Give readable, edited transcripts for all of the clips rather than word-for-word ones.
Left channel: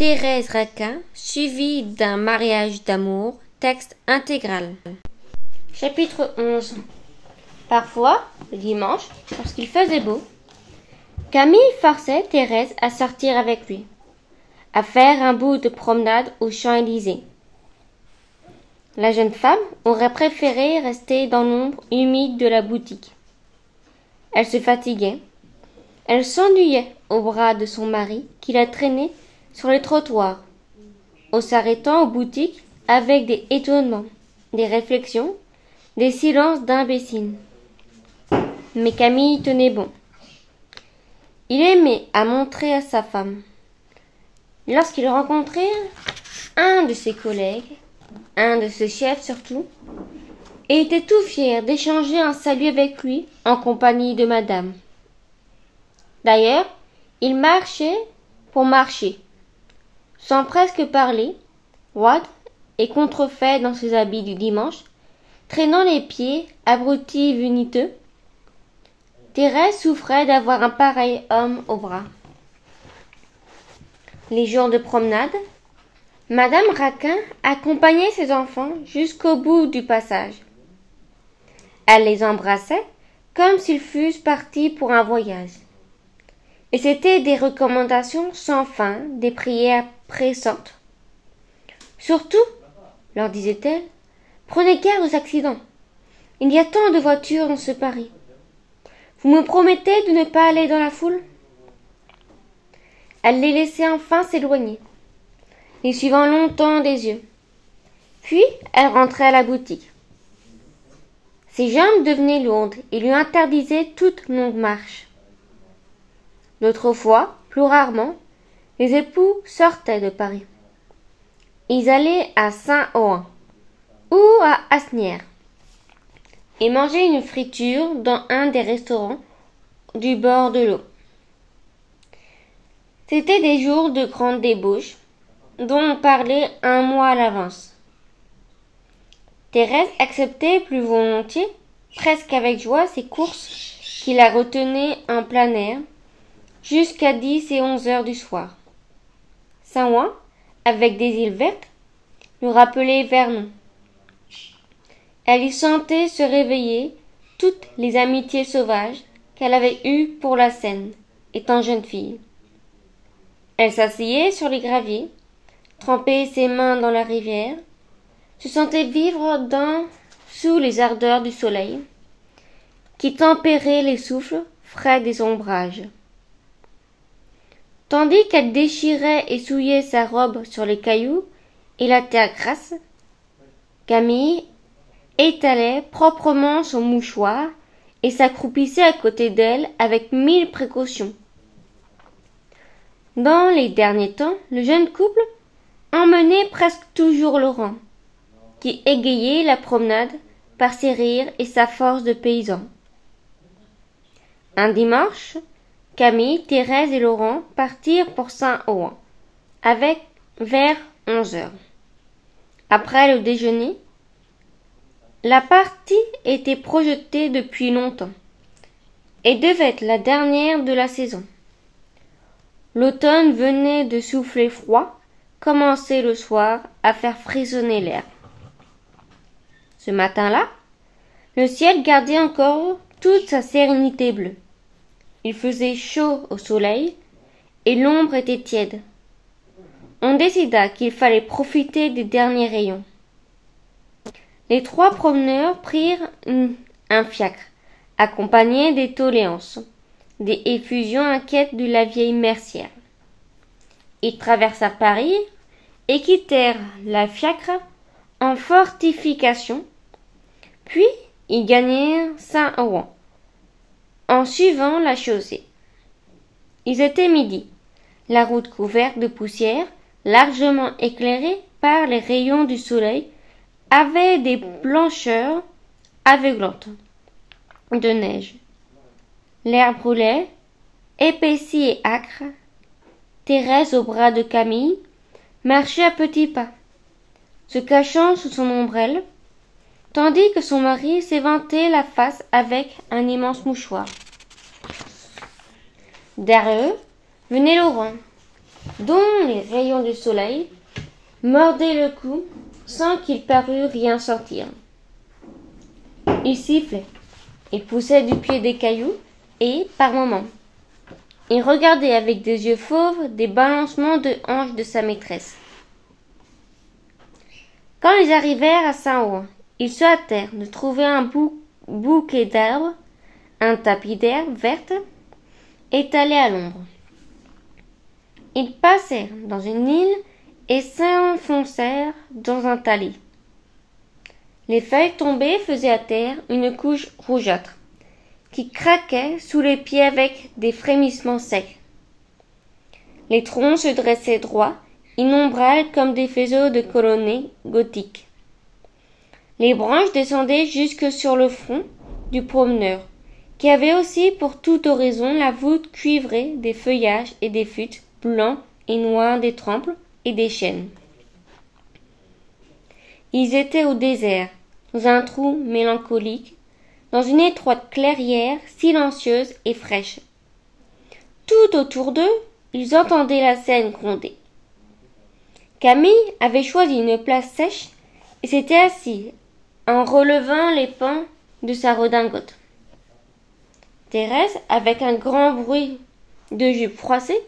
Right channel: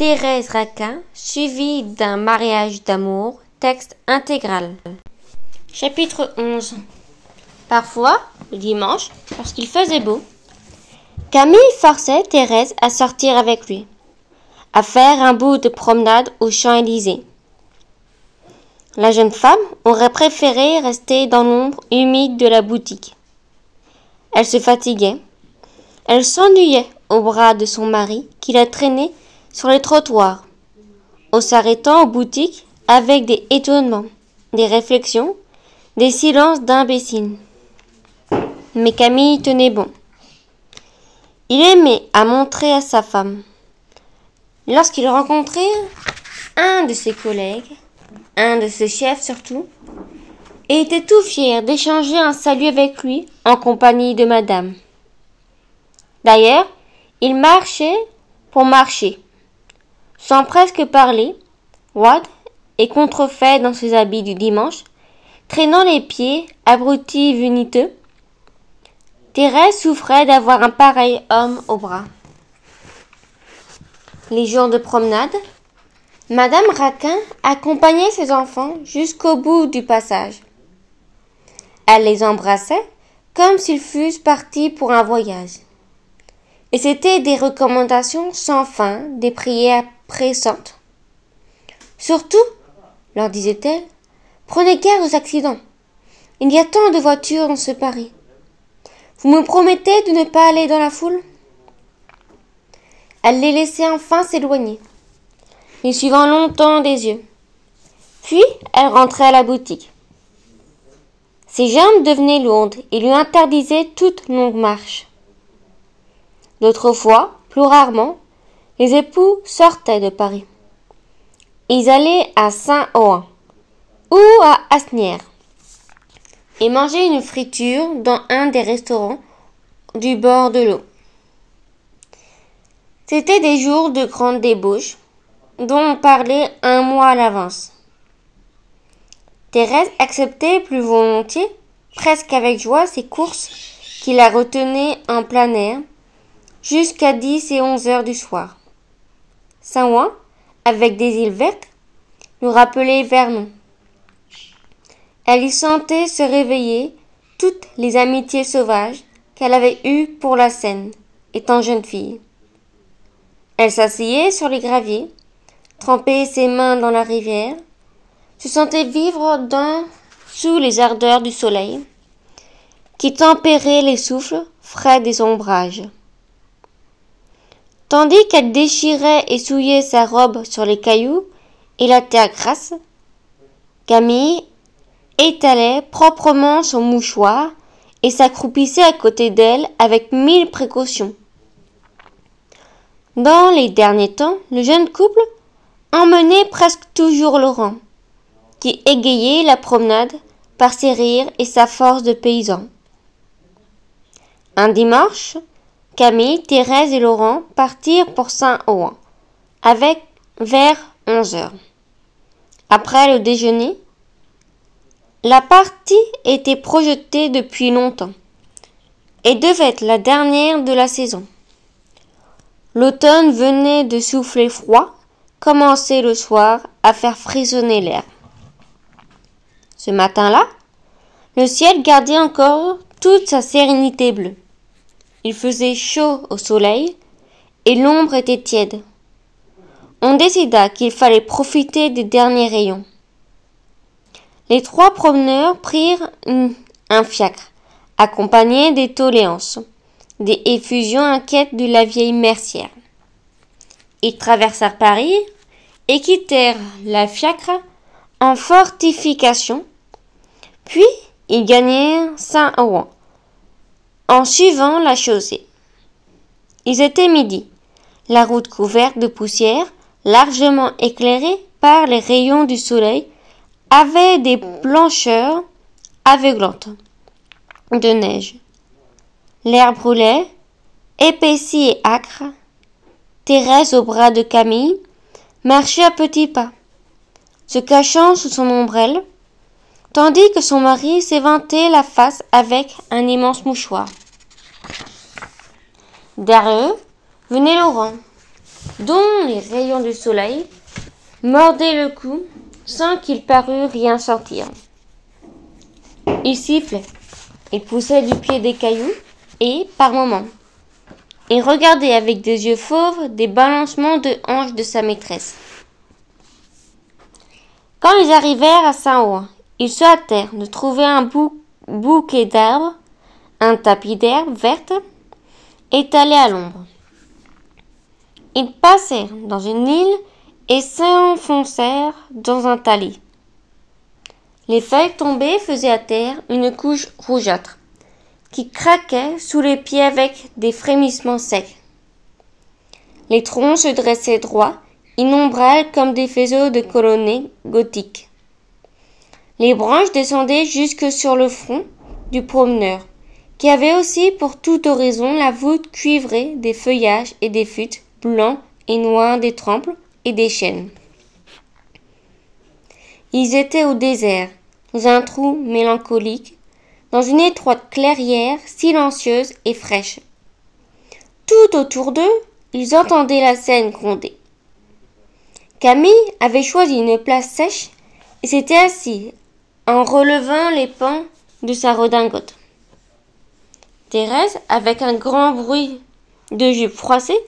Thérèse Raquin, suivi d'un mariage d'amour, texte intégral. Chapitre 11. Parfois, le dimanche, lorsqu'il faisait beau, Camille forçait Thérèse à sortir avec lui, à faire un bout de promenade aux Champs-Élysées. La jeune femme aurait préféré rester dans l'ombre humide de la boutique. Elle se fatiguait. Elle s'ennuyait au bras de son mari qui la traînait sur les trottoirs, en s'arrêtant aux boutiques avec des étonnements, des réflexions, des silences d'imbéciles. Mais Camille tenait bon. Il aimait à montrer à sa femme. Lorsqu'il rencontrait un de ses collègues, un de ses chefs surtout, et était tout fier d'échanger un salut avec lui en compagnie de madame. D'ailleurs, il marchait pour marcher, sans presque parler, roide et contrefait dans ses habits du dimanche, traînant les pieds, abrutis viniteux. Thérèse souffrait d'avoir un pareil homme au bras. Les jours de promenade, madame Raquin accompagnait ses enfants jusqu'au bout du passage. Elle les embrassait comme s'ils fussent partis pour un voyage. Et c'étaient des recommandations sans fin, des prières pressantes. Surtout, leur disait-elle, prenez garde aux accidents. Il y a tant de voitures dans ce Paris. Vous me promettez de ne pas aller dans la foule? Elle les laissait enfin s'éloigner, les suivant longtemps des yeux. Puis, elle rentrait à la boutique. Ses jambes devenaient lourdes et lui interdisaient toute longue marche. D'autres fois, plus rarement, les époux sortaient de Paris. Ils allaient à Saint-Ouen ou à Asnières et mangeaient une friture dans un des restaurants du bord de l'eau. C'étaient des jours de grande débauche dont on parlait un mois à l'avance. Thérèse acceptait plus volontiers, presque avec joie, ces courses qui la retenaient en plein air jusqu'à 10 et 11 heures du soir. Saint-Ouen, avec des îles vertes, nous rappelait Vernon. Elle y sentait se réveiller toutes les amitiés sauvages qu'elle avait eues pour la Seine, étant jeune fille. Elle s'asseyait sur les graviers, trempait ses mains dans la rivière, se sentait vivre sous les ardeurs du soleil, qui tempérait les souffles frais des ombrages. Tandis qu'elle déchirait et souillait sa robe sur les cailloux et la terre grasse, Camille étalait proprement son mouchoir et s'accroupissait à côté d'elle avec 1000 précautions. Dans les derniers temps, le jeune couple emmenait presque toujours Laurent, qui égayait la promenade par ses rires et sa force de paysan. Un dimanche, Camille, Thérèse et Laurent partirent pour Saint-Ouen, vers 11 heures. Après le déjeuner, la partie était projetée depuis longtemps et devait être la dernière de la saison. L'automne venait de souffler froid, commençait le soir à faire frissonner l'air. Ce matin-là, le ciel gardait encore toute sa sérénité bleue. Il faisait chaud au soleil et l'ombre était tiède. On décida qu'il fallait profiter des derniers rayons. Les 3 promeneurs prirent un fiacre, accompagné des doléances, des effusions inquiètes de la vieille mercière. Ils traversèrent Paris et quittèrent la fiacre en fortification, puis ils gagnèrent Saint-Ouen en suivant la chaussée. Ils étaient midi, la route couverte de poussière, largement éclairée par les rayons du soleil, avait des blancheurs aveuglantes de neige. L'air brûlait, épaissi et âcre. Thérèse, au bras de Camille, marchait à petits pas, se cachant sous son ombrelle, tandis que son mari s'éventait la face avec un immense mouchoir. Derrière eux venait Laurent, dont les rayons du soleil mordaient le cou sans qu'il parût rien sentir. Il sifflait, il poussait du pied des cailloux et, par moments, il regardait avec des yeux fauves des balancements de hanches de sa maîtresse. Quand ils arrivèrent à Saint-Ouen, ils se hâtèrent de trouver un bouquet d'arbres, un tapis d'herbe verte, étalé à l'ombre. Ils passèrent dans une île et s'enfoncèrent dans un talis. Les feuilles tombées faisaient à terre une couche rougeâtre, qui craquait sous les pieds avec des frémissements secs. Les troncs se dressaient droits, innombrables comme des faisceaux de colonnettes gothiques. Les branches descendaient jusque sur le front du promeneur, qui avait aussi pour tout horizon la voûte cuivrée des feuillages et des fûts blancs et noirs des trempes et des chênes. Ils étaient au désert, dans un trou mélancolique, dans une étroite clairière silencieuse et fraîche. Tout autour d'eux, ils entendaient la Seine gronder. Camille avait choisi une place sèche et s'était assis en relevant les pans de sa redingote. Thérèse, avec un grand bruit de jupe froissée,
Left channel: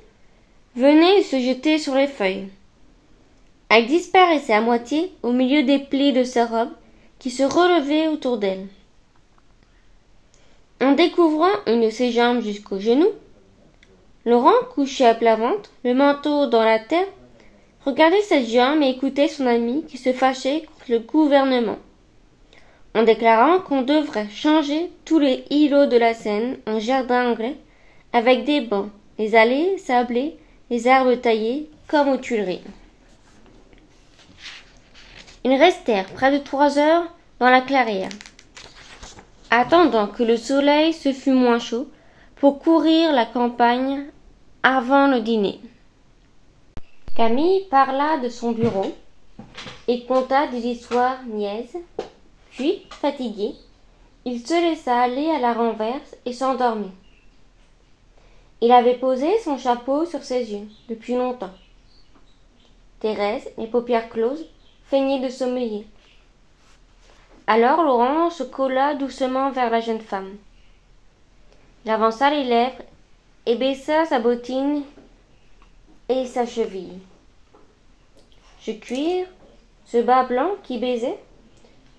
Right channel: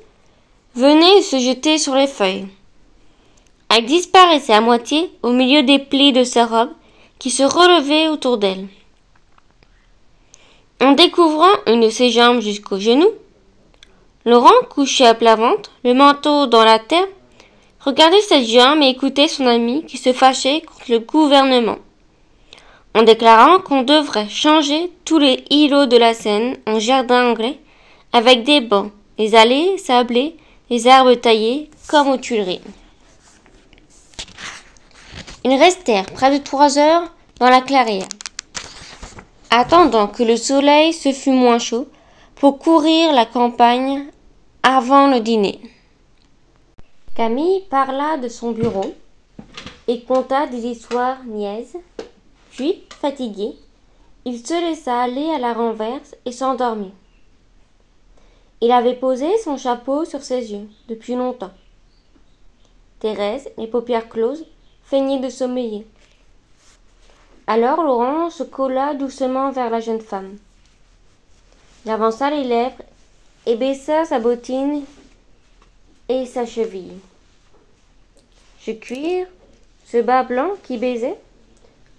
venait se jeter sur les feuilles. Elle disparaissait à moitié au milieu des plis de sa robe qui se relevaient autour d'elle. En découvrant une de ses jambes jusqu'aux genoux, Laurent, couché à plat ventre, le manteau dans la terre, regardait cette jambe et écoutait son ami qui se fâchait contre le gouvernement, en déclarant qu'on devrait changer tous les îlots de la Seine en jardins anglais, avec des bancs, des allées sablées, des arbres taillés comme aux Tuileries. Ils restèrent près de 3 heures dans la clairière, attendant que le soleil se fût moins chaud pour courir la campagne avant le dîner. Camille parla de son bureau et conta des histoires niaises, puis, fatigué, il se laissa aller à la renverse et s'endormit. Il avait posé son chapeau sur ses yeux depuis longtemps. Thérèse, les paupières closes, feignait de sommeiller. Alors Laurent se colla doucement vers la jeune femme. Il avança les lèvres et baissa sa bottine et sa cheville. Ce cuir, ce bas blanc qui baisait,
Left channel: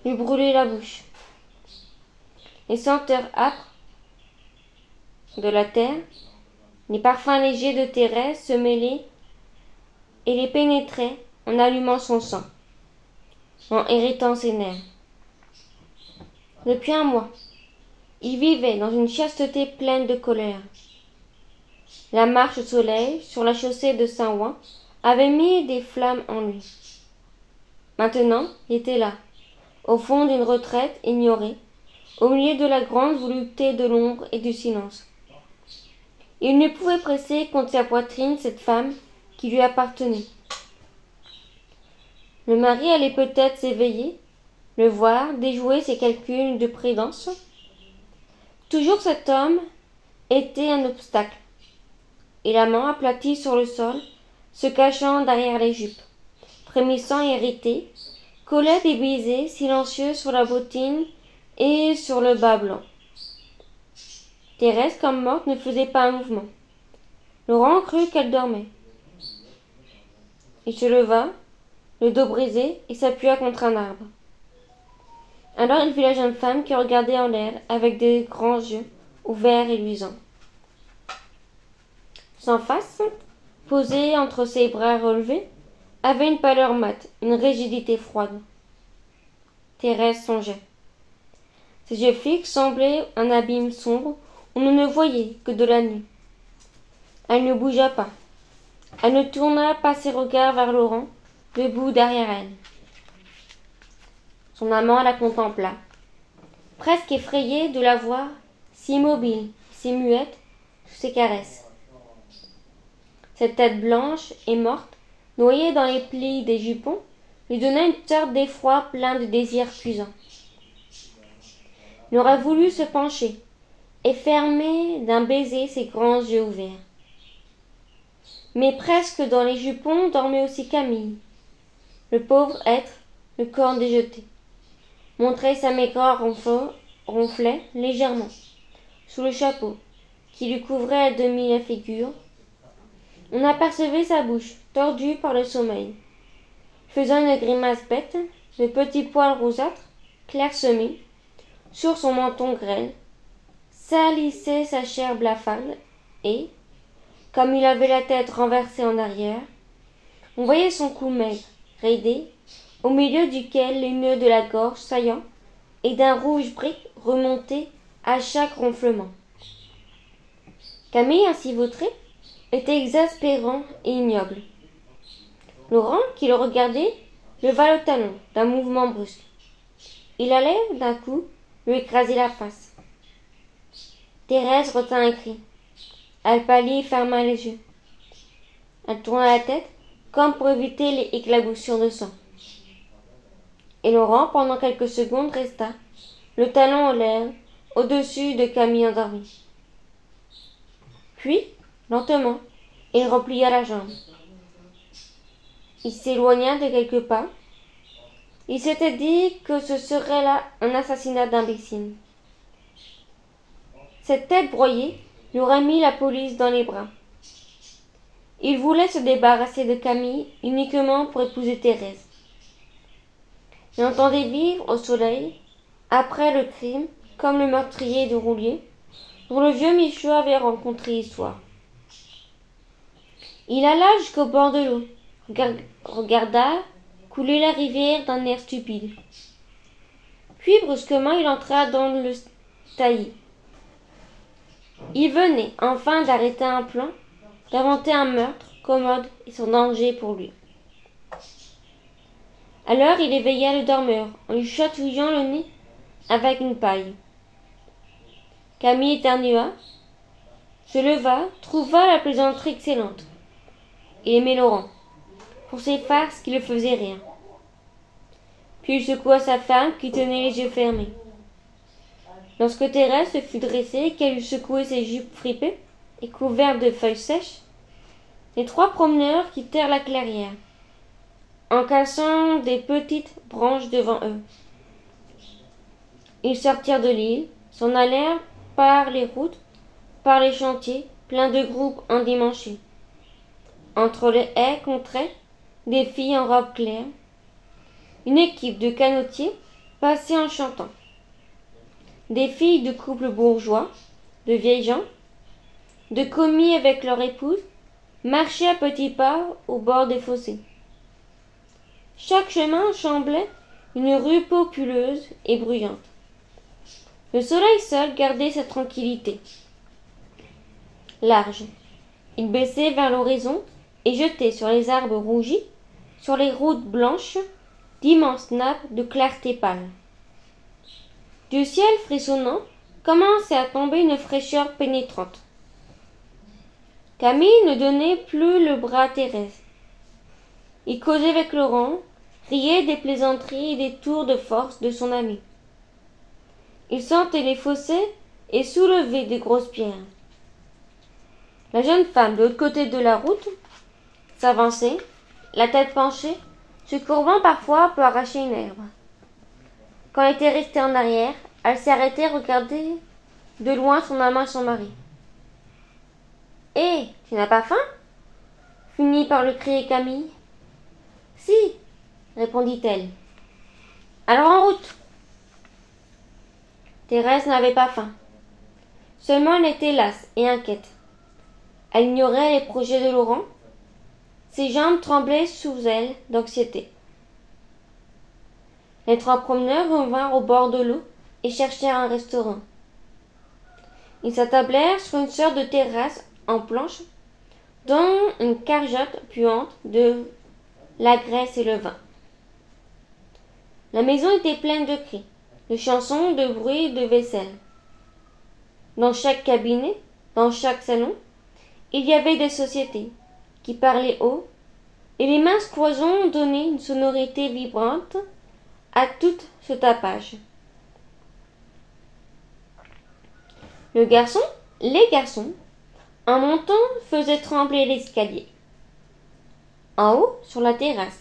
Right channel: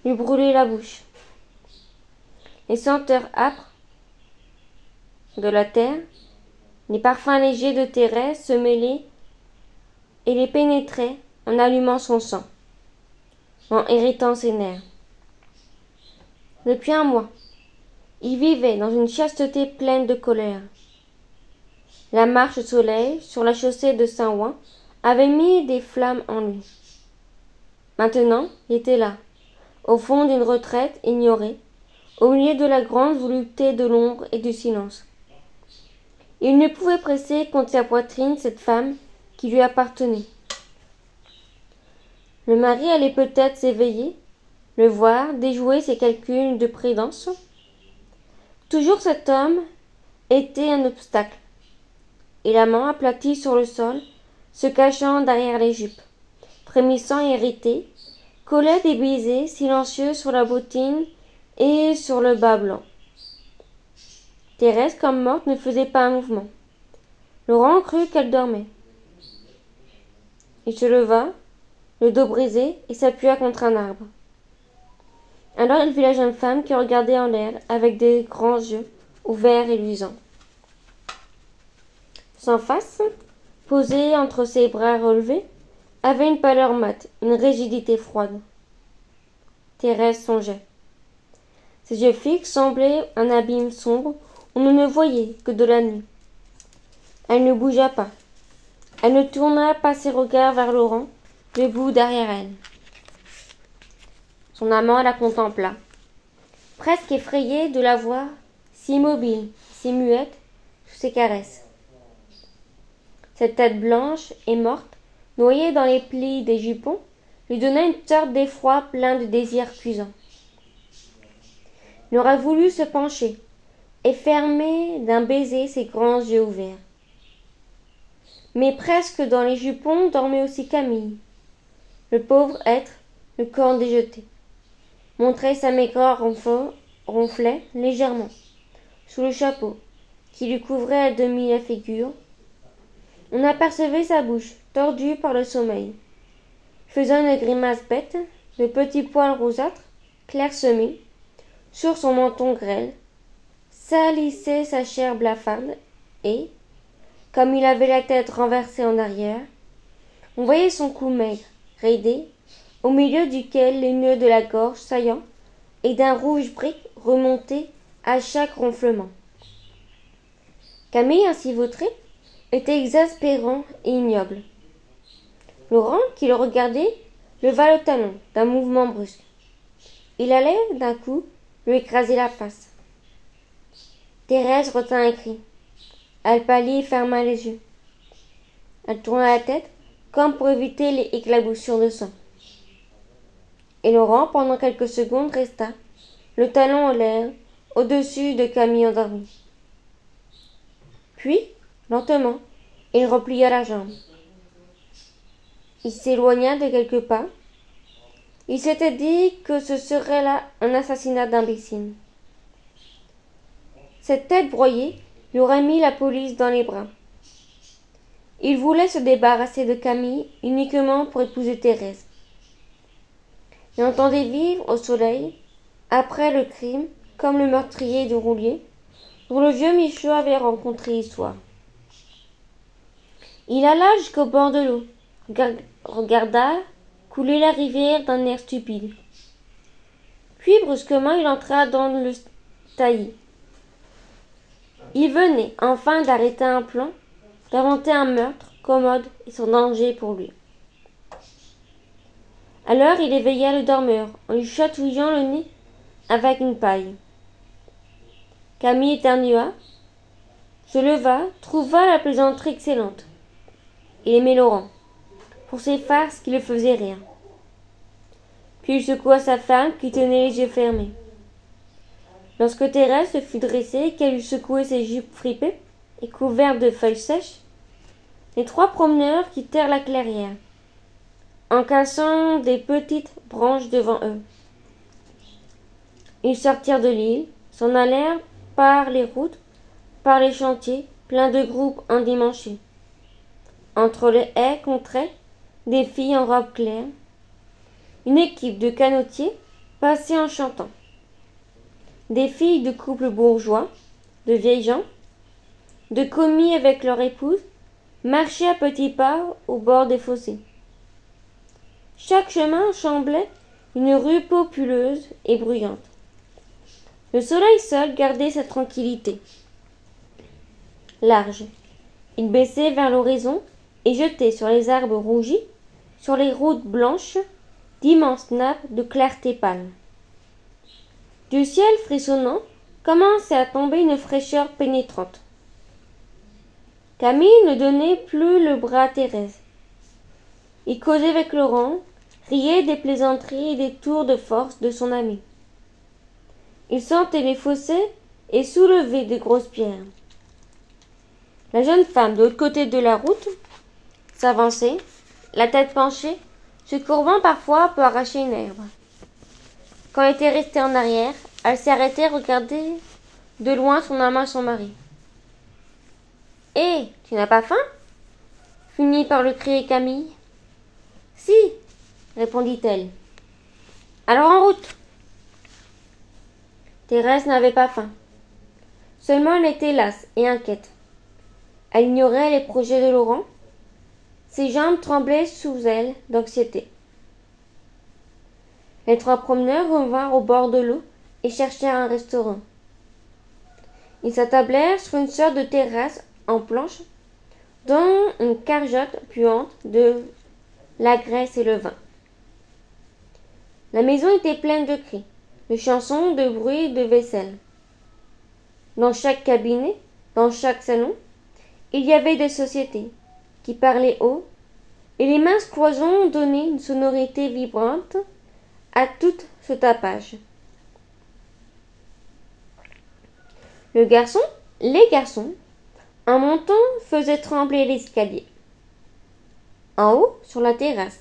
lui brûlait la bouche. Les senteurs âpres de la terre, les parfums légers de Thérèse se mêlaient et les pénétraient en allumant son sang, en irritant ses nerfs. Depuis un mois, il vivait dans une chasteté pleine de colère. La marche au soleil sur la chaussée de Saint-Ouen avait mis des flammes en lui. Maintenant, il était là, au fond d'une retraite ignorée, au milieu de la grande volupté de l'ombre et du silence. Il ne pouvait presser contre sa poitrine cette femme qui lui appartenait. Le mari allait peut-être s'éveiller, le voir déjouer ses calculs de prudence. Toujours cet homme était un obstacle, et l'amant aplati sur le sol, se cachant derrière les jupes, frémissant et irrité, collait des baisers silencieux sur la bottine et sur le bas blanc. Thérèse, comme morte, ne faisait pas un mouvement. Laurent crut qu'elle dormait. Il se leva, le dos brisé, et s'appuya contre un arbre. Alors il vit la jeune femme qui regardait en l'air avec des grands yeux ouverts et luisants. Son face, posée entre ses bras relevés, avait une pâleur mate, une rigidité froide. Thérèse songeait. Ses yeux fixes semblaient un abîme sombre où l'on ne voyait que de la nuit. Elle ne bougea pas. Elle ne tourna pas ses regards vers Laurent, debout derrière elle. Son amant la contempla, presque effrayé de la voir si immobile, si muette, sous ses caresses. Cette tête blanche et morte, noyée dans les plis des jupons, lui donnait une sorte d'effroi plein de désirs cuisants. Il aurait voulu se pencher et fermer d'un baiser ses grands yeux ouverts. Mais presque dans les jupons dormait aussi Camille. Le pauvre être, le corps déjeté, montrait sa maigreur ronflait légèrement sous le chapeau qui lui couvrait à demi la figure. On apercevait sa bouche tordue par le sommeil, faisant une grimace bête, de petits poils rougeâtres, clairsemés, sur son menton grêle, salissait sa chair blafarde et, comme il avait la tête renversée en arrière, on voyait son cou maigre, raidé, au milieu duquel les nœuds de la gorge saillants et d'un rouge brique remontaient à chaque ronflement. Camille, ainsi vautré, était exaspérant et ignoble. Laurent, qui le regardait, leva le talon d'un mouvement brusque. Il allait, d'un coup, lui écraser la face. Thérèse retint un cri. Elle pâlit et ferma les yeux. Elle tourna la tête, comme pour éviter les éclaboussures de sang. Et Laurent, pendant quelques secondes, resta, le talon en l'air, au-dessus de Camille endormie. Puis, lentement, il replia la jambe. Il s'éloigna de quelques pas. Il s'était dit que ce serait là un assassinat d'imbécile. Cette tête broyée lui aurait mis la police dans les bras. Il voulait se débarrasser de Camille uniquement pour épouser Thérèse. Il entendait vivre au soleil, après le crime, comme le meurtrier de Roulier, dont le vieux Michaud avait rencontré l'histoire. Il alla jusqu'au bord de l'eau, regarda couler la rivière d'un air stupide. Puis brusquement il entra dans le taillis. Il venait enfin d'arrêter un plan, d'inventer un meurtre commode et sans danger pour lui. Alors il éveilla le dormeur en lui chatouillant le nez avec une paille. Camille éternua, se leva, trouva la plaisanterie excellente. Il aimait Laurent, pour ses farces qui le faisaient rire. Puis il secoua sa femme qui tenait les yeux fermés. Lorsque Thérèse se fut dressée et qu'elle eut secoué ses jupes fripées et couvertes de feuilles sèches, les trois promeneurs quittèrent la clairière, en cassant des petites branches devant eux. Ils sortirent de l'île, s'en allèrent par les routes, par les chantiers, pleins de groupes endimanchés. Entre les haies contraient des filles en robe claire. Une équipe de canotiers passait en chantant. Des filles de couples bourgeois, de vieilles gens, de commis avec leur épouse, marchaient à petits pas au bord des fossés. Chaque chemin semblait une rue populeuse et bruyante. Le soleil seul gardait sa tranquillité. Large, il baissait vers l'horizon et jetait sur les arbres rougis, sur les routes blanches, d'immenses nappes de clarté pâle. Du ciel frissonnant commençait à tomber une fraîcheur pénétrante. Camille ne donnait plus le bras à Thérèse. Il causait avec Laurent, riait des plaisanteries et des tours de force de son ami. Il sentait les fossés et soulevait de grosses pierres. La jeune femme, de l'autre côté de la route, s'avançait, la tête penchée, se courbant parfois pour arracher une herbe. Quand elle était restée en arrière, elle s'arrêtait, regardait de loin son amant et son mari. « Hé, tu n'as pas faim ?» finit par le crier Camille. « Si, » répondit-elle. « Alors en route !» Thérèse n'avait pas faim. Seulement elle était lasse et inquiète. Elle ignorait les projets de Laurent. Ses jambes tremblaient sous elle d'anxiété. Les trois promeneurs revinrent au bord de l'eau et cherchèrent un restaurant. Ils s'attablèrent sur une sorte de terrasse en planche, dont une cargeote puante de la graisse et le vin. La maison était pleine de cris, de chansons, de bruits, de vaisselle. Dans chaque cabinet, dans chaque salon, il y avait des sociétés qui parlaient haut, et les minces cloisons donnaient une sonorité vibrante à tout ce tapage. Les garçons, en montant, faisaient trembler l'escalier. En haut, sur la terrasse,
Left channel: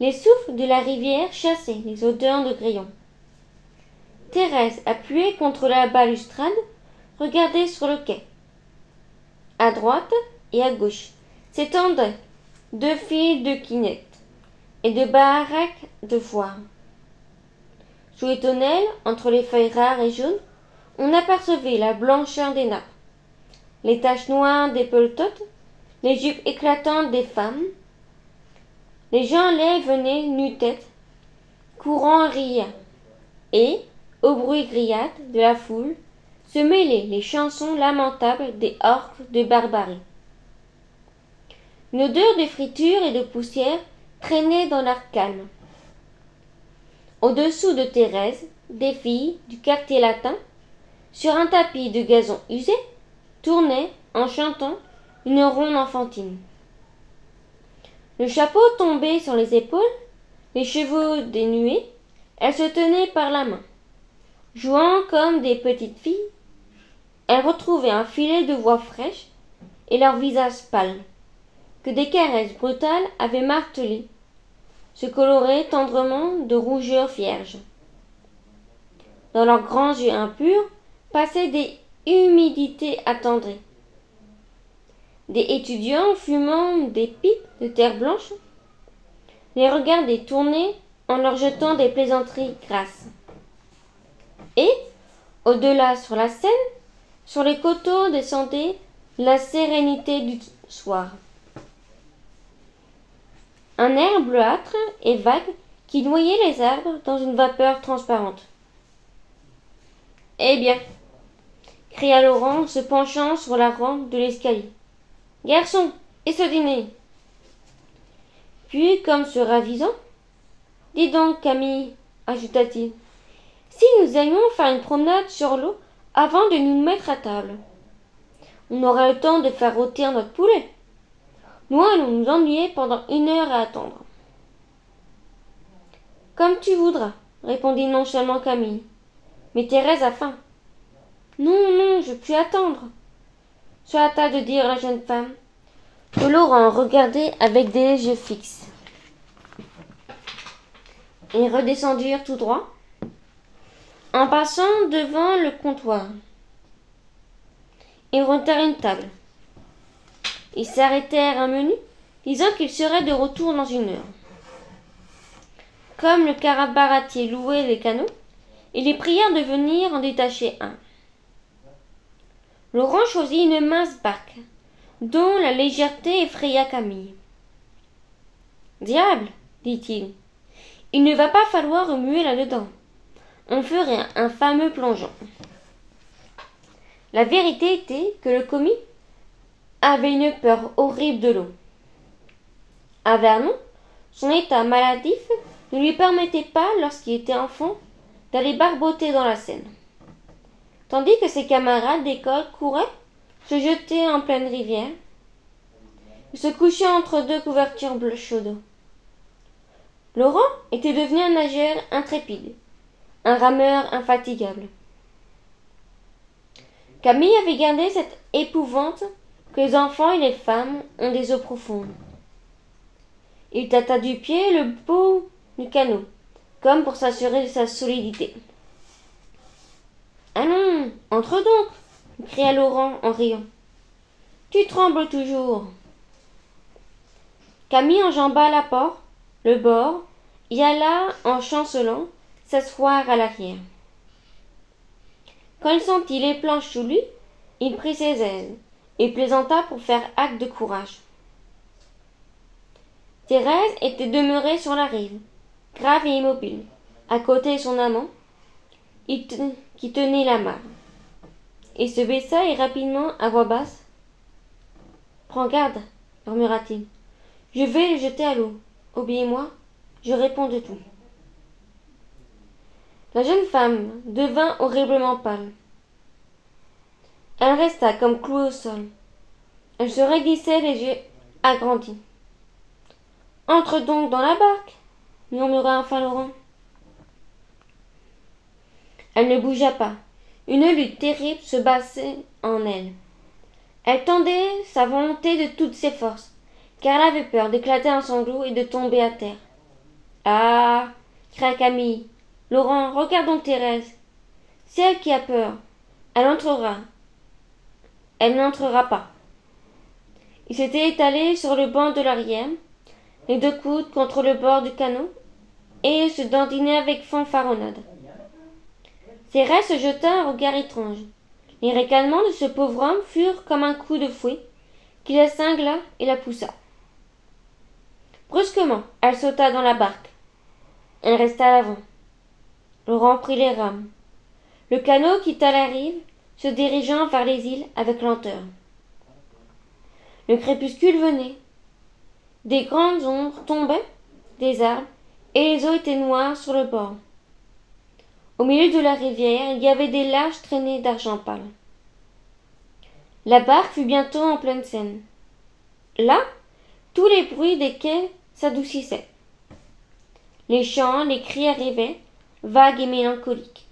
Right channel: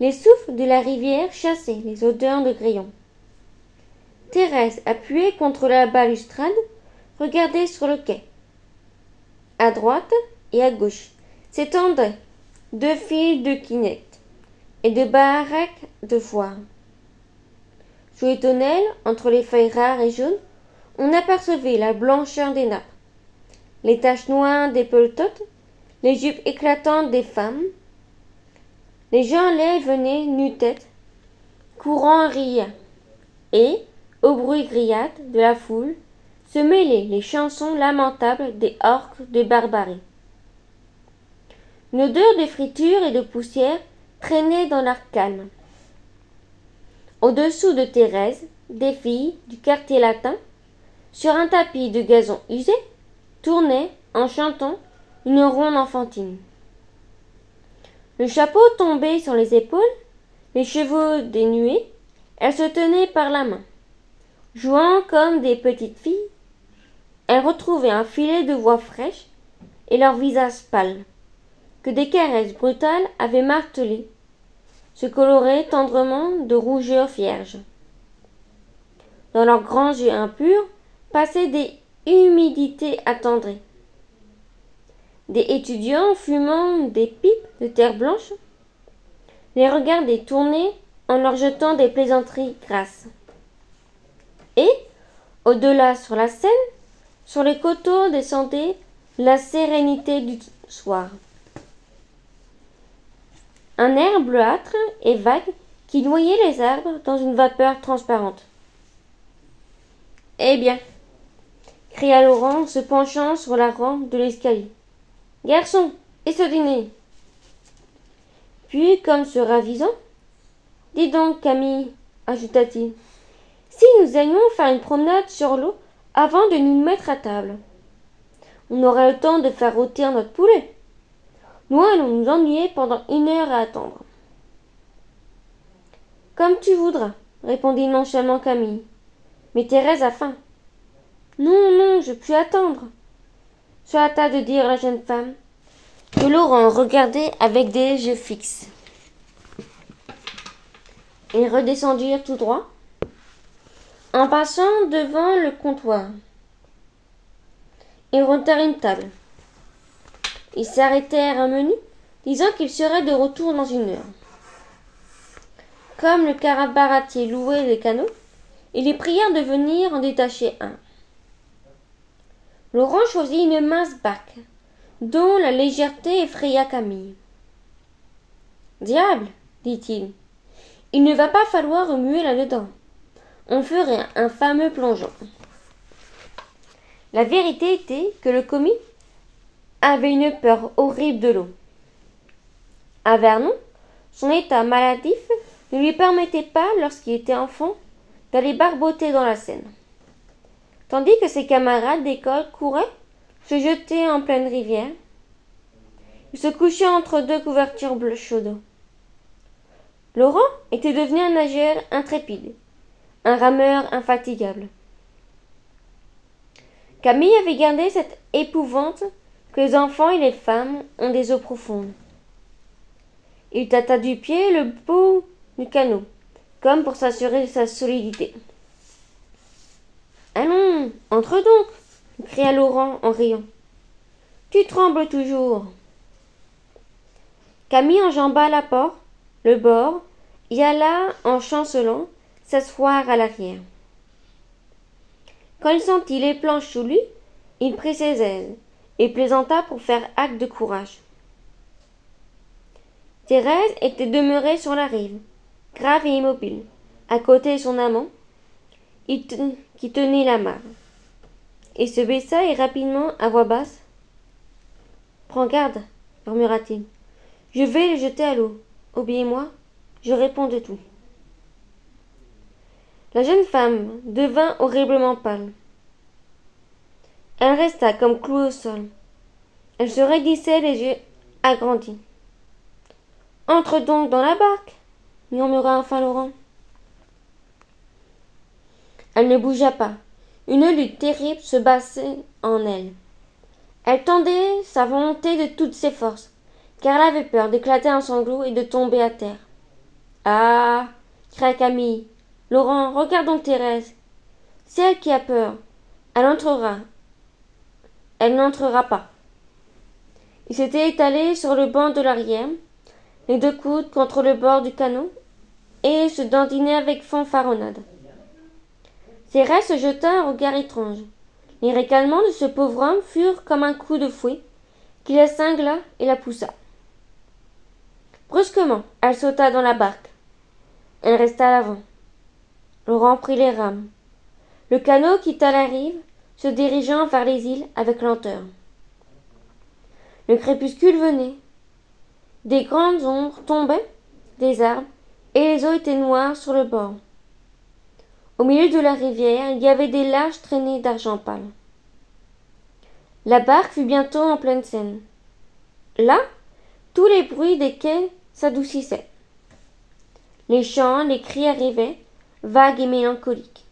les souffles de la rivière chassaient les odeurs de grillons. Thérèse, appuyée contre la balustrade, regardait sur le quai. À droite et à gauche s'étendaient 2 files de quinettes et de baraques de foire. Sous les tonnelles, entre les feuilles rares et jaunes, on apercevait la blancheur des nappes, les taches noires des peletotes, les jupes éclatantes des femmes. Les gens laits venaient nu-tête, courant riant, et, au bruit grillade de la foule, se mêlaient les chansons lamentables des orques de barbarie. Une odeur de friture et de poussière traînait dans l'air calme. Au-dessous de Thérèse, des filles du quartier latin, sur un tapis de gazon usé, tournaient, en chantant, une ronde enfantine. Le chapeau tombé sur les épaules, les cheveux dénués, elles se tenaient par la main. Jouant comme des petites filles, elles retrouvaient un filet de voix fraîche et leurs visages pâles, que des caresses brutales avaient martelés, se coloraient tendrement de rougeur vierge. Dans leurs grands yeux impurs passaient des humidités attendries. Des étudiants fumant des pipes de terre blanche les regardaient tourner en leur jetant des plaisanteries grasses. Et, au-delà sur la Seine, sur les coteaux descendait la sérénité du soir. Un air bleuâtre et vague qui noyait les arbres dans une vapeur transparente. « Eh bien !» cria Laurent, se penchant sur la rampe de l'escalier. « Garçon, et ce dîner ?» Puis, comme se ravisant, « Dis donc, Camille, ajouta-t-il, si nous allions faire une promenade sur l'eau avant de nous mettre à table, on aurait le temps de faire rôtir notre poulet. Nous allons nous ennuyer pendant 1 heure à attendre. » Comme tu voudras, répondit nonchalamment Camille. Mais Thérèse a faim. Non, non, je puis attendre, se hâta de dire la jeune femme, que Laurent regardait avec des yeux fixes. Ils redescendirent tout droit, en passant devant le comptoir. Ils remontèrent une table. Ils s'arrêtèrent un menu, disant qu'ils seraient de retour dans 1 heure. Comme le carabaratier louait les canots, ils les prièrent de venir en détacher un. Laurent choisit une mince barque, dont la légèreté effraya Camille. « Diable, dit-il, il ne va pas falloir remuer là-dedans. On ferait un fameux plongeon. » La vérité était que le commis avait une peur horrible de l'eau. À Vernon, son état maladif ne lui permettait pas, lorsqu'il était enfant, d'aller barboter dans la Seine. Tandis que ses camarades d'école couraient, se jetaient en pleine rivière. Il se couchait entre 2 couvertures bleues chaudes. Laurent était devenu un nageur intrépide, un rameur infatigable. Camille avait gardé cette épouvante que les enfants et les femmes ont des eaux profondes. Il tâta du pied le bout du canot, comme pour s'assurer de sa solidité. « Allons, entre donc !» cria Laurent en riant. « Tu trembles toujours. » Camille enjamba la porte, le bord, et alla, en chancelant, s'asseoir à l'arrière. Quand il sentit les planches sous lui, il prit ses aises et plaisanta pour faire acte de courage. Thérèse était demeurée sur la rive, grave et immobile, à côté de son amant, qui tenait la main. Il se baissa et rapidement, à voix basse, « Prends garde, murmura-t-il. Je vais le jeter à l'eau. Obéis-moi, je réponds de tout. » La jeune femme devint horriblement pâle. Elle resta comme clouée au sol. Elle se raidissait les yeux agrandis. « Entre donc dans la barque, » murmura enfin Laurent. Elle ne bougea pas. Une lutte terrible se battait en elle. Elle tendait sa volonté de toutes ses forces, car elle avait peur d'éclater en sanglots et de tomber à terre. « Ah !» cria Camille. « Laurent, regarde donc Thérèse. C'est elle qui a peur. Elle entrera. Elle n'entrera pas. » Il s'était étalé sur le banc de l'arrière, les deux coudes contre le bord du canot, et se dandinait avec fanfaronnade. Thérèse se jeta un regard étrange. Les ricanements de ce pauvre homme furent comme un coup de fouet qui la cingla et la poussa. Brusquement, elle sauta dans la barque. Elle resta à l'avant. Laurent prit les rames. Le canot quitta la rive, se dirigeant vers les îles avec lenteur. Le crépuscule venait. Des grandes ombres tombaient des arbres et les eaux étaient noires sur le bord. Au milieu de la rivière, il y avait des larges traînées d'argent pâle. La barque fut bientôt en pleine Seine. Là, tous les bruits des quais s'adoucissaient. Les chants, les cris arrivaient, vagues et mélancoliques,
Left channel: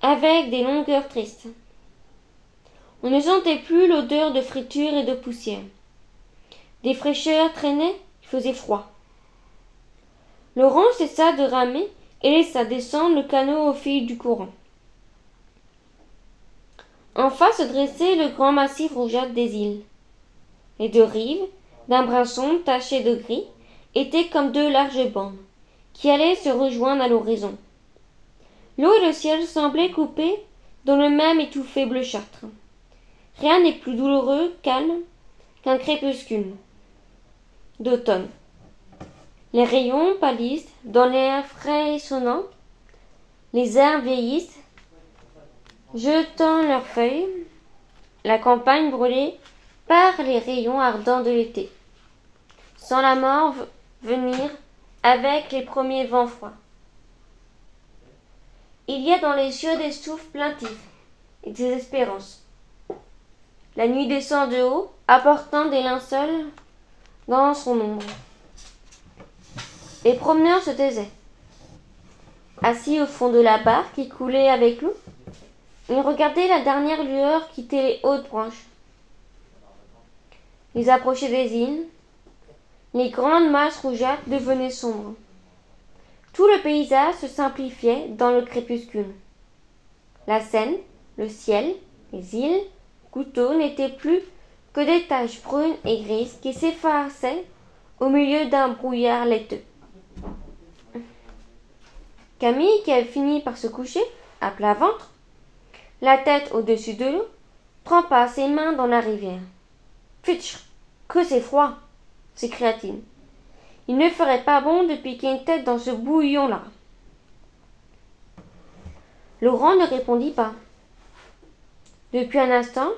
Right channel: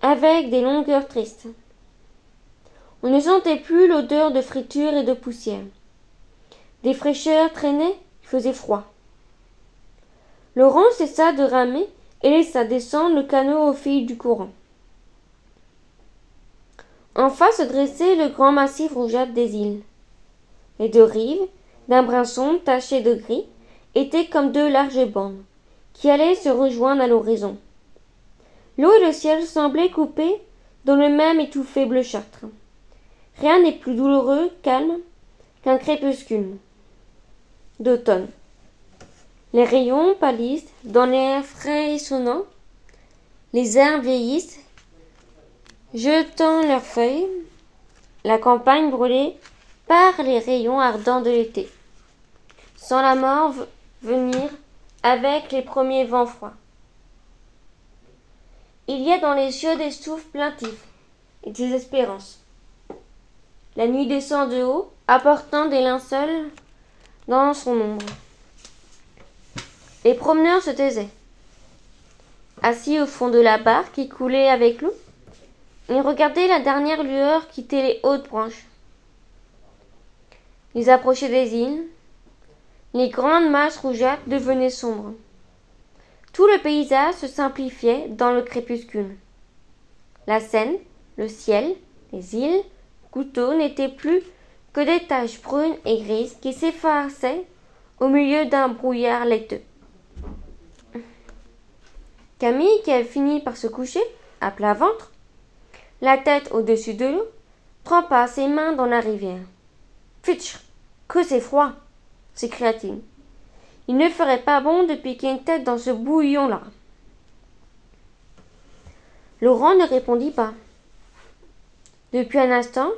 avec des longueurs tristes. On ne sentait plus l'odeur de friture et de poussière. Des fraîcheurs traînaient, il faisait froid. Laurent cessa de ramer et laissa descendre le canot au fil du courant. En face se dressait le grand massif rougeâtre des îles. Les deux rives, d'un brun sombre taché de gris, étaient comme deux larges bandes, qui allaient se rejoindre à l'horizon. L'eau et le ciel semblaient coupés dans le même étouffé bleuâtre. Rien n'est plus douloureux, calme, qu'un crépuscule d'automne. Les rayons pâlissent dans l'air frais et sonnant. Les arbres vieillissent, jetant leurs feuilles. La campagne brûlée par les rayons ardents de l'été. Sans la mort venir avec les premiers vents froids. Il y a dans les yeux des souffles plaintifs et des espérances. La nuit descend de haut, apportant des linceuls dans son ombre. Les promeneurs se taisaient. Assis au fond de la barque qui coulait avec l'eau, ils regardaient la dernière lueur quitter les hautes branches. Ils approchaient des îles. Les grandes masses rougeâtres devenaient sombres. Tout le paysage se simplifiait dans le crépuscule. La Seine, le ciel, les îles, Couteau n'étaient plus que des taches brunes et grises qui s'effaçaient au milieu d'un brouillard laiteux. Camille, qui avait fini par se coucher, à plat ventre, la tête au-dessus de l'eau, trempa ses mains dans la rivière. « Fitch, que c'est froid !» s'écria-t-il. « Il ne ferait pas bon de piquer une tête dans ce bouillon-là. » Laurent ne répondit pas. Depuis un instant,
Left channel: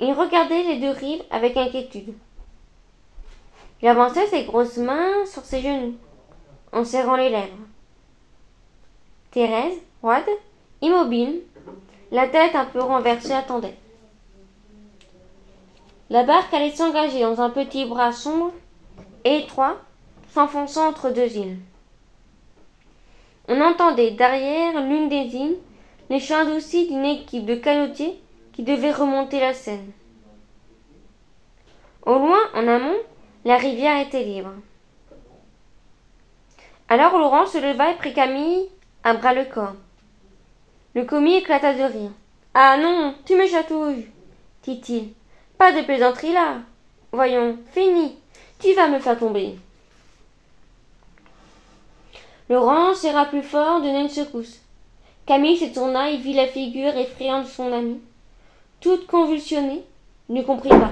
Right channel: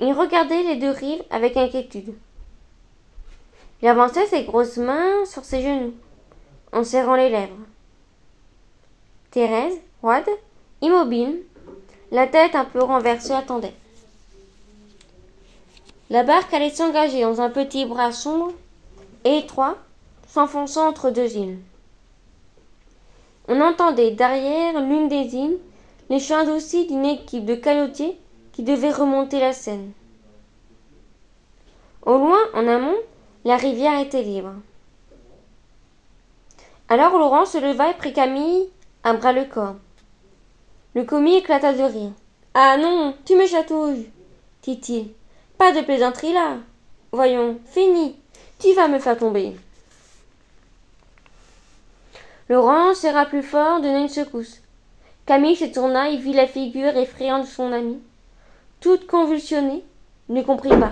il regardait les deux rives avec inquiétude. Il avançait ses grosses mains sur ses genoux, en serrant les lèvres. Thérèse, roide, immobile, la tête un peu renversée, attendait. La barque allait s'engager dans un petit bras sombre et étroit, s'enfonçant entre deux îles. On entendait derrière l'une des îles les chants adoucis d'une équipe de canotiers qui devait remonter la Seine. Au loin, en amont, la rivière était libre. Alors Laurent se leva et prit Camille à bras le corps. Le commis éclata de rire. « Ah non, tu me chatouilles, dit-il. Pas de plaisanterie là. Voyons, fini, tu vas me faire tomber. » Laurent serra plus fort, donna une secousse. Camille se tourna et vit la figure effrayante de son ami. Toute convulsionnée, il ne comprit pas.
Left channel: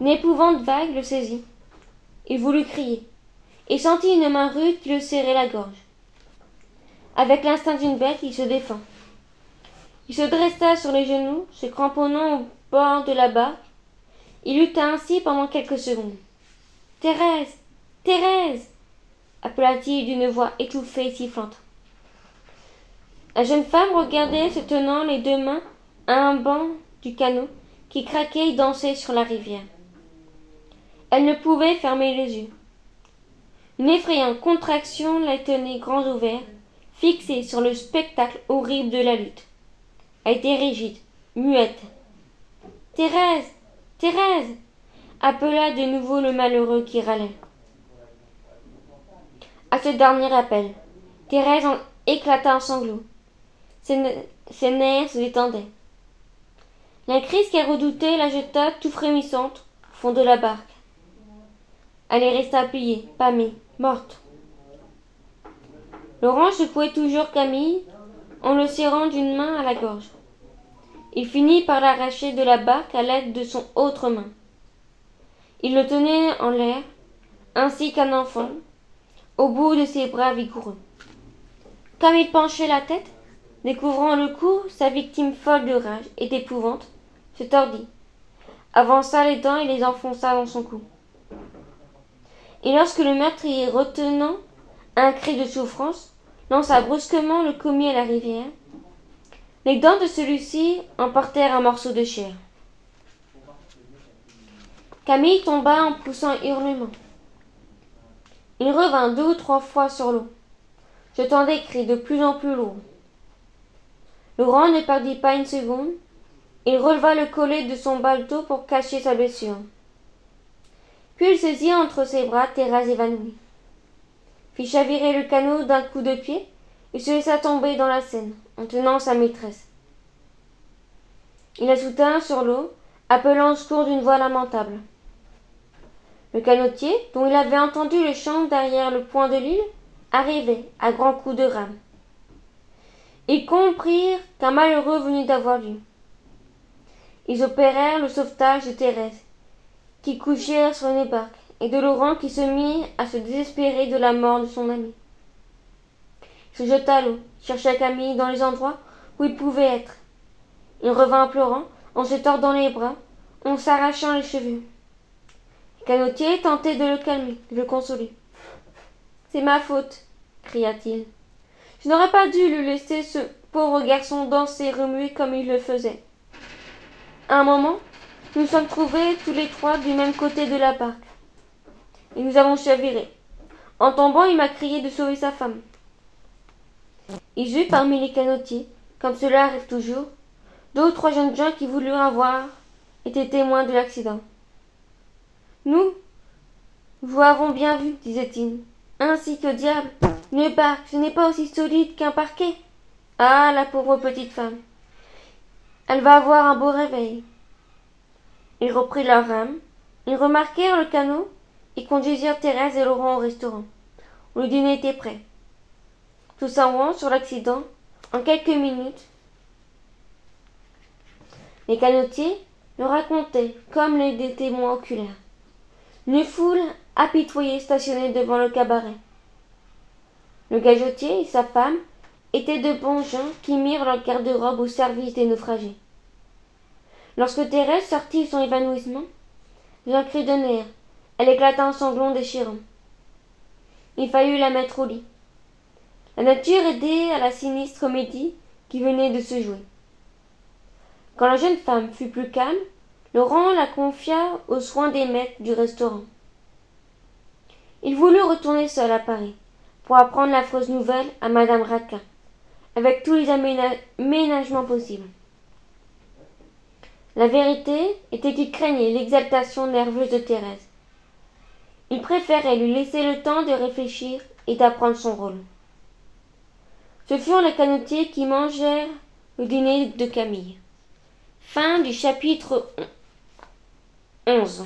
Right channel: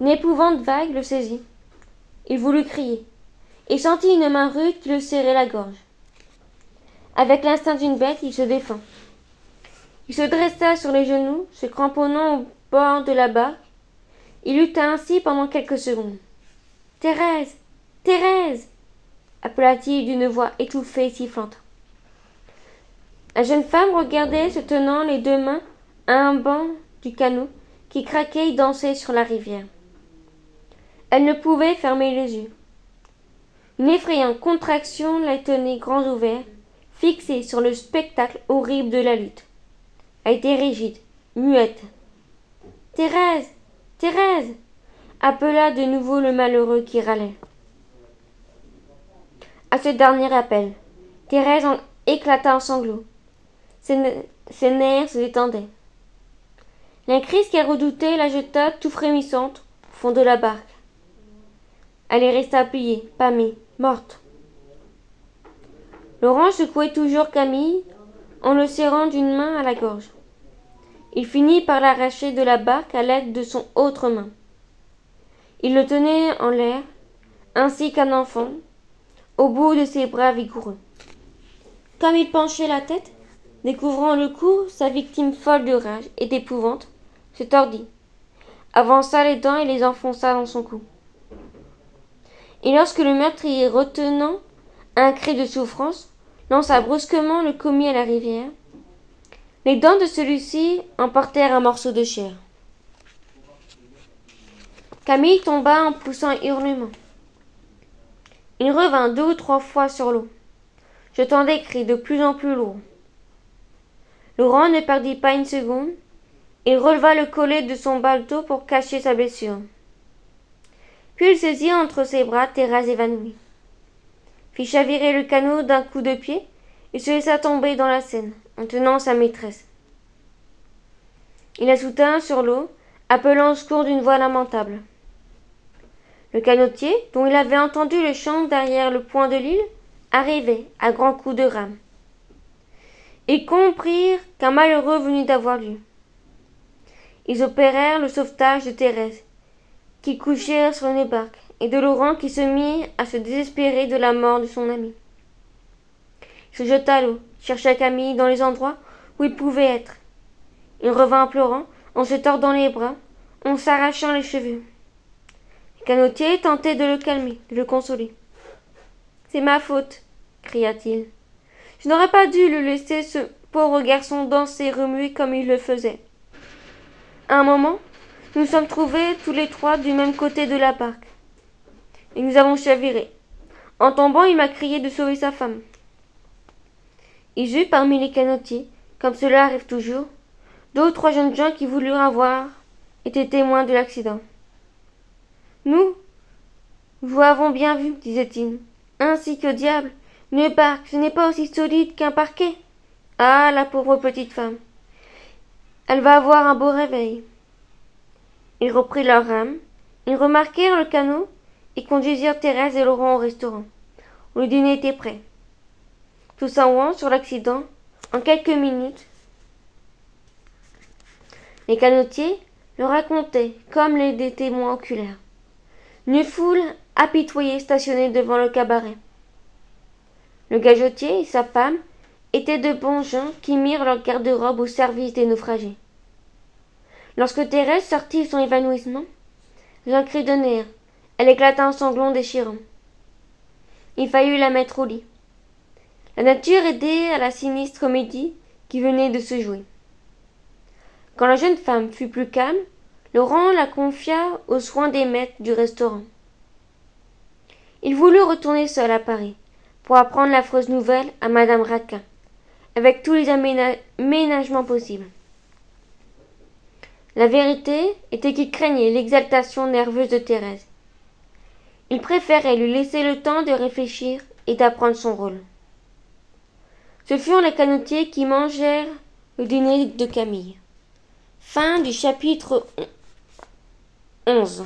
Une épouvante vague le saisit. Il voulut crier, et sentit une main rude qui le serrait la gorge. Avec l'instinct d'une bête, il se défend. Il se dressa sur les genoux, se cramponnant au bord de la barque. Il lutta ainsi pendant quelques secondes. « Thérèse, Thérèse !» appela-t-il d'une voix étouffée et sifflante. La jeune femme regardait, se tenant les deux mains à un banc du canot qui craquait et dansait sur la rivière. Elle ne pouvait fermer les yeux. Une effrayante contraction la tenait grands ouverts, fixée sur le spectacle horrible de la lutte. Elle était rigide, muette. « Thérèse, Thérèse !» appela de nouveau le malheureux qui râlait. À ce dernier appel, Thérèse éclata en sanglots. Ses nerfs se détendaient. La crise qu'elle redoutait la jeta tout frémissante au fond de la barque. Elle y resta pliée, pâmée, morte. Laurent secouait toujours Camille en le serrant d'une main à la gorge. Il finit par l'arracher de la barque à l'aide de son autre main. Il le tenait en l'air, ainsi qu'un enfant, au bout de ses bras vigoureux. Comme il penchait la tête, découvrant le cou, sa victime folle de rage et d'épouvante se tordit, avança les dents et les enfonça dans son cou. Et lorsque le meurtrier, retenant un cri de souffrance, lança brusquement le commis à la rivière, les dents de celui-ci emportèrent un morceau de chair. Camille tomba en poussant un hurlement. Il revint 2 ou 3 fois sur l'eau, jetant des cris de plus en plus lourds. Laurent ne perdit pas une seconde. Il releva le collet de son baletot pour cacher sa blessure. Puis il saisit entre ses bras Thérèse évanouie, fit chavirer le canot d'un coup de pied et se laissa tomber dans la Seine, en tenant sa maîtresse. Il la soutint sur l'eau, appelant au secours d'une voix lamentable. Le canotier, dont il avait entendu le chant derrière le point de l'île, arrivait à grands coups de rame. Ils comprirent qu'un malheureux venait d'avoir lieu. Ils opérèrent le sauvetage de Thérèse, qui couchait sur une barque, et de Laurent qui se mit à se désespérer de la mort de son ami. Il se jeta à l'eau, chercha Camille dans les endroits où il pouvait être. Il revint en pleurant, en se tordant les bras, en s'arrachant les cheveux. Le canotier tentait de le calmer, de le consoler. « C'est ma faute, » cria-t-il. « Je n'aurais pas dû le laisser ce pauvre garçon danser et remuer comme il le faisait. » À un moment, nous nous sommes trouvés tous les 3 du même côté de la barque. Et nous avons chaviré. En tombant, il m'a crié de sauver sa femme. Il y eut parmi les canotiers, comme cela arrive toujours, 2 ou 3 jeunes gens qui voulurent avoir été témoins de l'accident. Nous, vous avons bien vu, disait-il. Ainsi que diable, une barque, ce n'est pas aussi solide qu'un parquet. Ah, la pauvre petite femme. Elle va avoir un beau réveil. Ils reprirent leur rame, ils remarquèrent le canot et conduisirent Thérèse et Laurent au restaurant, où le dîner était prêt. Tout savant sur l'accident, en quelques minutes, les canotiers le racontaient comme des témoins oculaires. Une foule apitoyée stationnait devant le cabaret. Le gagotier et sa femme étaient de bons gens qui mirent leur garde-robe au service des naufragés. Lorsque Thérèse sortit de son évanouissement, un cri de nerfs, elle éclata en sanglots déchirants. Il fallut la mettre au lit. La nature aidait à la sinistre comédie qui venait de se jouer. Quand la jeune femme fut plus calme, Laurent la confia aux soins des maîtres du restaurant. Il voulut retourner seul à Paris pour apprendre l'affreuse nouvelle à madame Raquin, avec tous les aménagements possibles. La vérité était qu'il craignait l'exaltation nerveuse de Thérèse. Il préférait lui laisser le temps de réfléchir et d'apprendre son rôle. Ce furent les canotiers qui mangèrent le dîner de Camille. Fin du chapitre 11.